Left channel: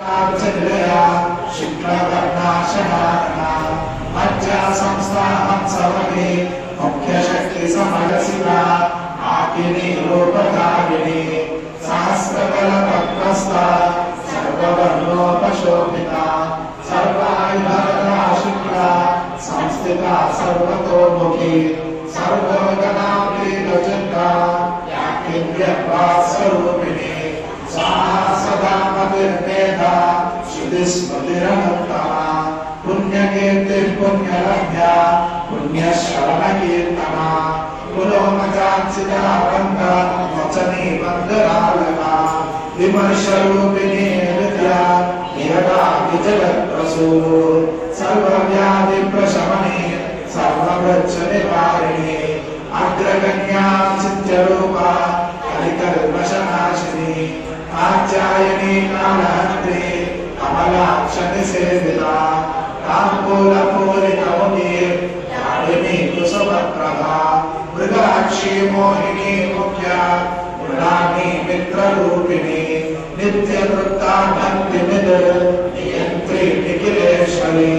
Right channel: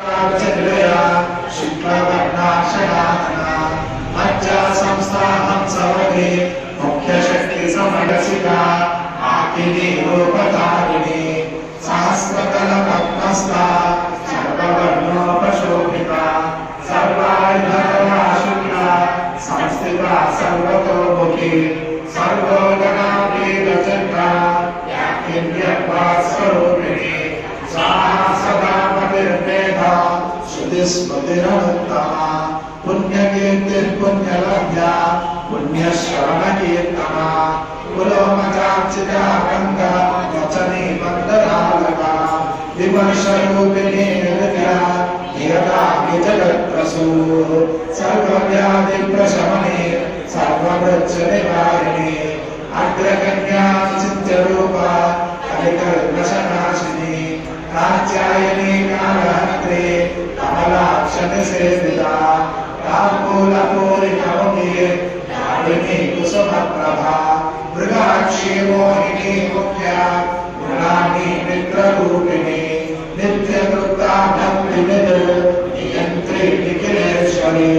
निलया शुक्लवर्णाशनातना मज्जा संस्थानं समगे मुख्य शक्ति समरसिका आकिनी रूपधारिणी सहस्रकलपद्मस्था सर्ववर्णोपशोभिता सर्वायुधरा शुक्ला संस्थिता सर्वतोमुखी सर्वोगणाभेदचक्रा याकिन्यभास्वरूपिणी सदा श्रुतिस्मृतिरवत्तमा पुण्यकीर्तिर्पुण्यलभ्या पुण्यश्रवणकीर्तना पुलोमकार्चिताकन्ता वचनी वन्दनालका विमर्शरूपिणी विद्या नियता विजगत्प्रसू सर्वव्याधिप्रशमने सर्ववृक्षनिवारिणी अग्रगण्या चित्यरूपा कलिकल्मषनाशिनी कात्यायनी कालहस्ते कमलाक्षनि सेविता ताम्बूलपूरितौनीर् दारिणी कुसुमप्रभा मृगाक्षी मोहिनी मुख्या गुणानी मित्ररूपिणी नित्यवृत्ता भक्तिनिधि नियन्त्री निखिलेश्वरी